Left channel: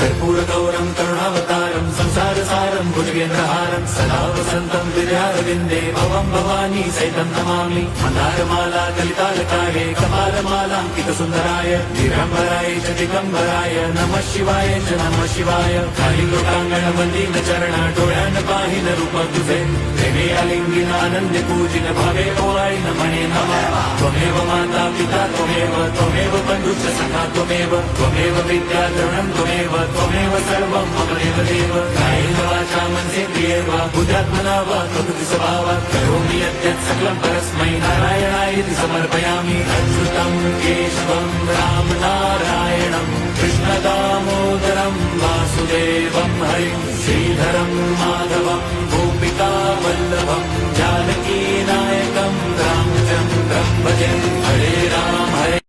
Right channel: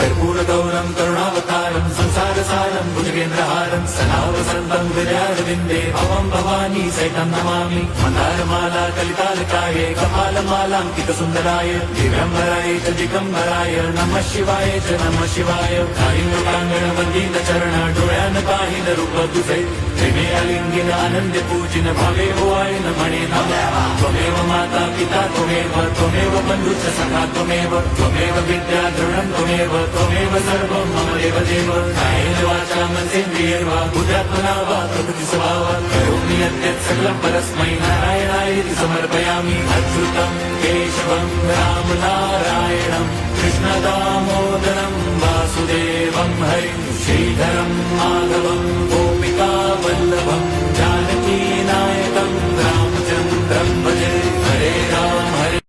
कर्पूरगौरं करुणावतारं संसारसारं भुजगेन्द्रहारं सदा वसन्तं हृदयारविन्दे भवं भवानी सहितं नमामि। मन्दारमाला कलितालकाये कपालमालाङ्कितसुन्दराय दिगम्बराय च दिगम्बराय नमः शिवाय च नमः शिवाय। कालिङ्गोकाङ्गण मन्दिरचरण डोळ्यान पाहिन रूप तुझे प्रेमे अलिंगिन आनंदी पूजिन भावे ओवाळीन म्हणे नमः। त्वमेव माता पिता त्वमेव बन्धुश्च सखा त्वमेव विद्या द्रविणं त्वमेव सर्वं मम देवदेव। कायेन वाचा मनसेन्द्रियैर्वा बुद्ध्यात्मना वा प्रकृति स्वभावात् करोमि यद्यत् सकलं परस्मै नारायणायेति समर्पयामि। अच्युतं केशवं राम नारायणं कृष्णदामोदरं वासुदेवं हरिं श्रीधरं माधवं गोपिका वल्लभं जानकी नायकं रामचन्द्रं भजे। हरे राम हरे